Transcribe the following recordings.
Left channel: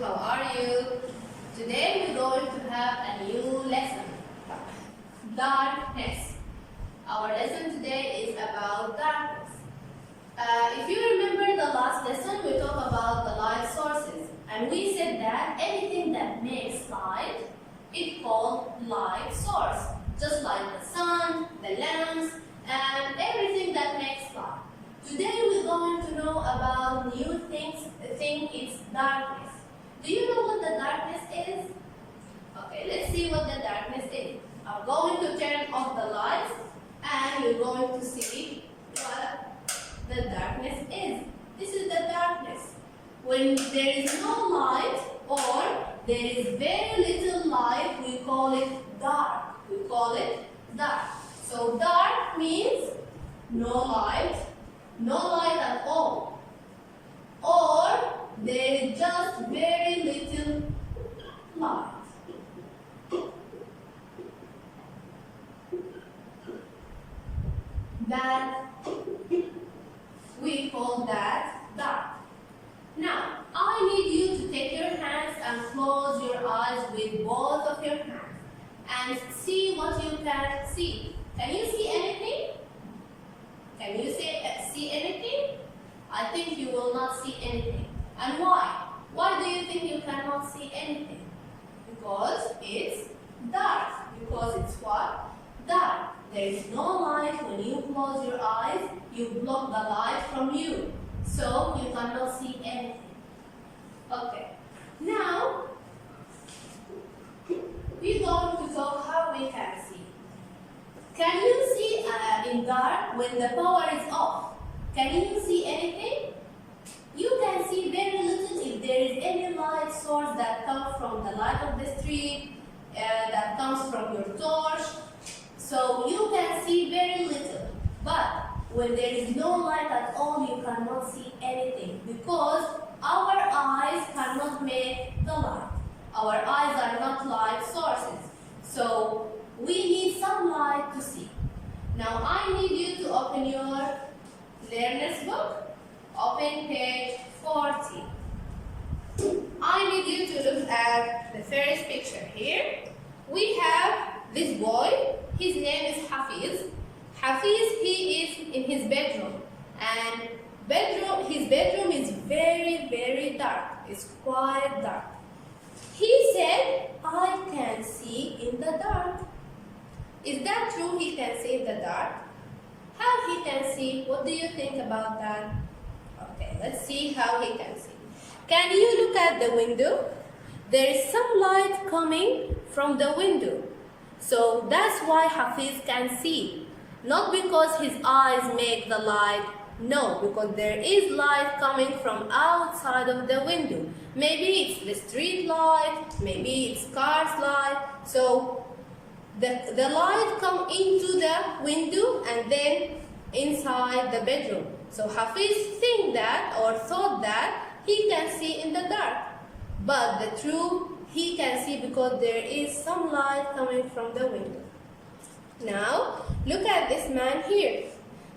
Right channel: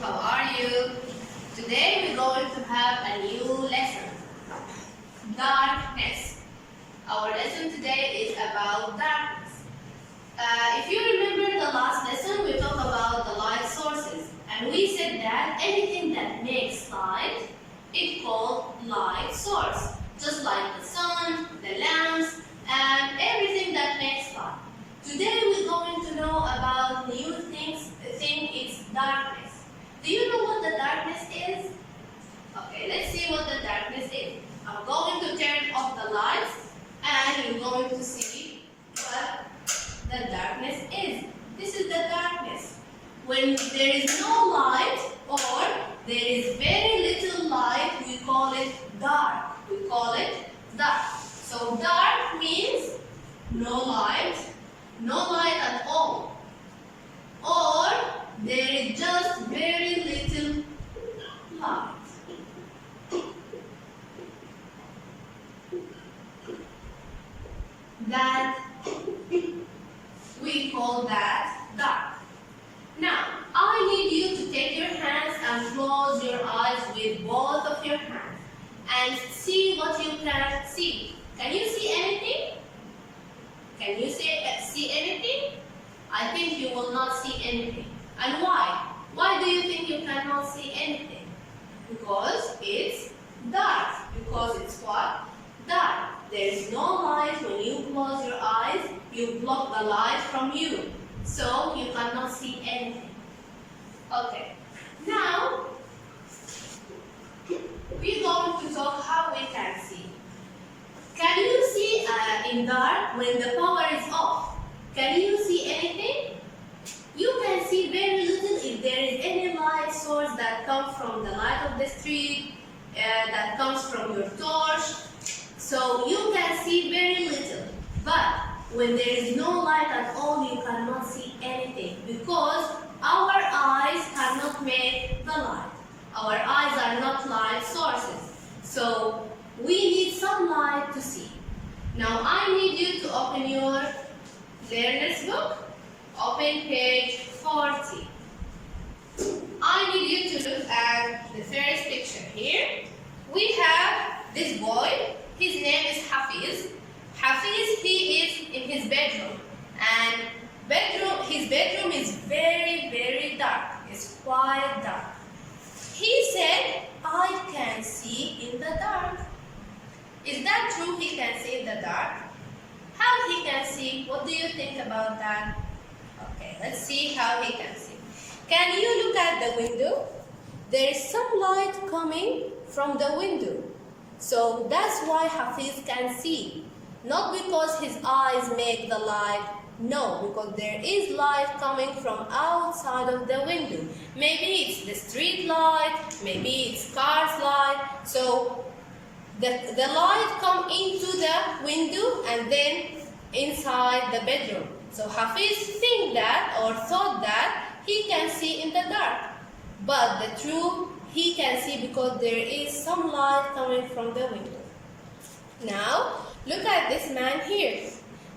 how are you? Today we're going to have a new lesson, darkness. Our lesson today is about darkness. If you remember the last lesson, we talked about the light sources, and we said that anything that makes light is called light source, just like the sun, the lamps, and everything that makes light. Today we're going to know about new things. It's darkness. Do you know what the darkness is? Okay, let's see what the darkness is. I'm going to turn off the lights and you're going to see what the darkness is. This is the darkness. When there is no light or there is very little light, we call it dark. We call it dark. So dark means no light at all. Or there is just very little light. That we call that dark. Now, I need you to take your hands and close your eyes with both of your hands and see what you can see. Can you see anything? Can you see anything? I think you will not see anything. And why? Why do you think you cannot see anything? Because it's dark. Because it's what? Dark. There is no light. When you close your eyes, you block the light from you. So you cannot see anything. Okay. Now, we're going to talk how we can see. Can you see in dark when the power is off? Can you see anything? You can see very little if there is any light source that comes from the light of the street, that comes from your torch. So you can see very little. But when there is no light at all, you cannot see anything because our eyes cannot make the light. Our eyes are not light sources. So we need some light to see. Now I need you to open your learner's book. Open page 40. I need you to look at the first picture here. We have this boy. His name is Hafiz. Hafiz, he is in his bedroom. And his bedroom is very, very dark. It's quite dark. He said, I can see in the dark. Is that true? He can see in the dark? How he can see? What do you think about that? Okay, let's see how he can see. Can you look at the window? There is some light coming from the window. So that's why Hafiz can see. Not because his eyes make the light. No, because there is light coming from outside of the window. Maybe it's the street light, maybe it's car's light. So the light come into the window and then inside the bedroom. So Hafiz think that or thought that he can see in the dark. But the truth, he can see because there is some light coming from the window. Now, look at this man here.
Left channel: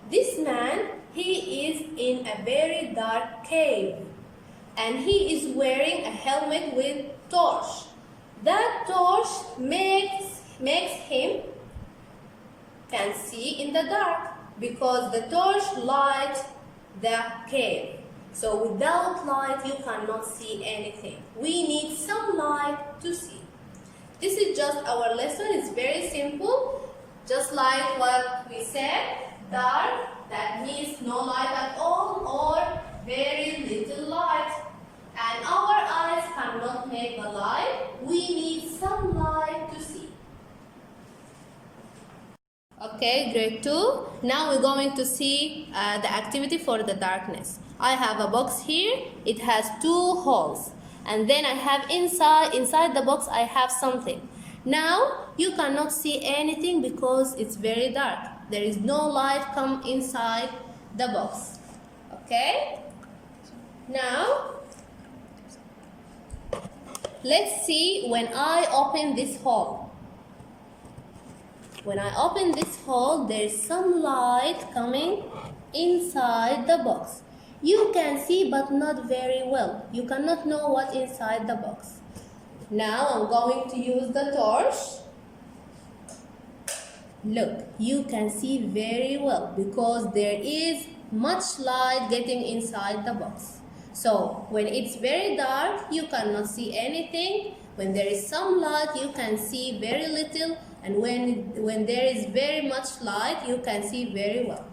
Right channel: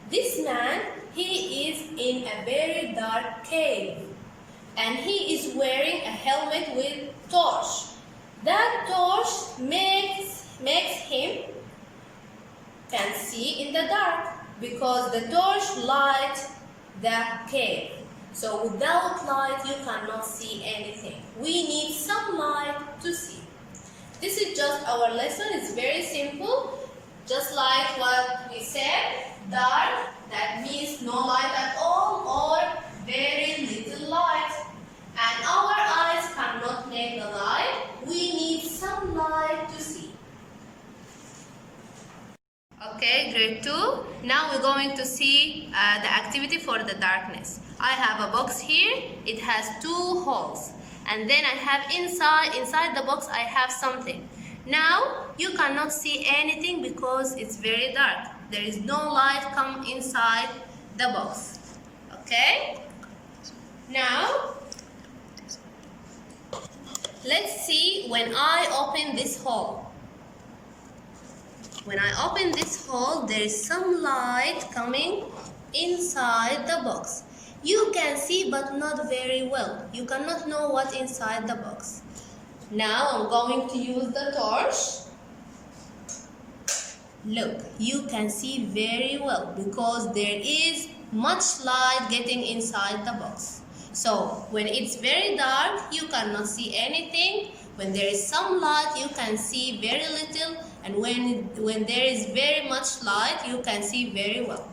This man, he is in a very dark cave. And he is wearing a helmet with torch. That torch makes him can see in the dark because the torch lights the cave. So without light, you cannot see anything. We need some light to see. This is just our lesson. It's very simple. Just like what we said, dark, that means no light at all or very little light. And our eyes cannot make the light. We need some light to see. Okay, grade 2. Now we're going to see the activity for the darkness. I have a box here. It has 2 holes. And then I have inside the box I have something. Now you cannot see anything because it's very dark. There is no light come inside the box. Okay? Now let's see when I open this hole. When I open this hole, there is some light coming inside the box. You can see but not very well. You cannot know what inside the box. Now I'm going to use the torch. Look, you can see very well because there is much light getting inside the box. So when it's very dark, you cannot see anything. When there is some light, you can see very little. And when there is very much light, you can see very well.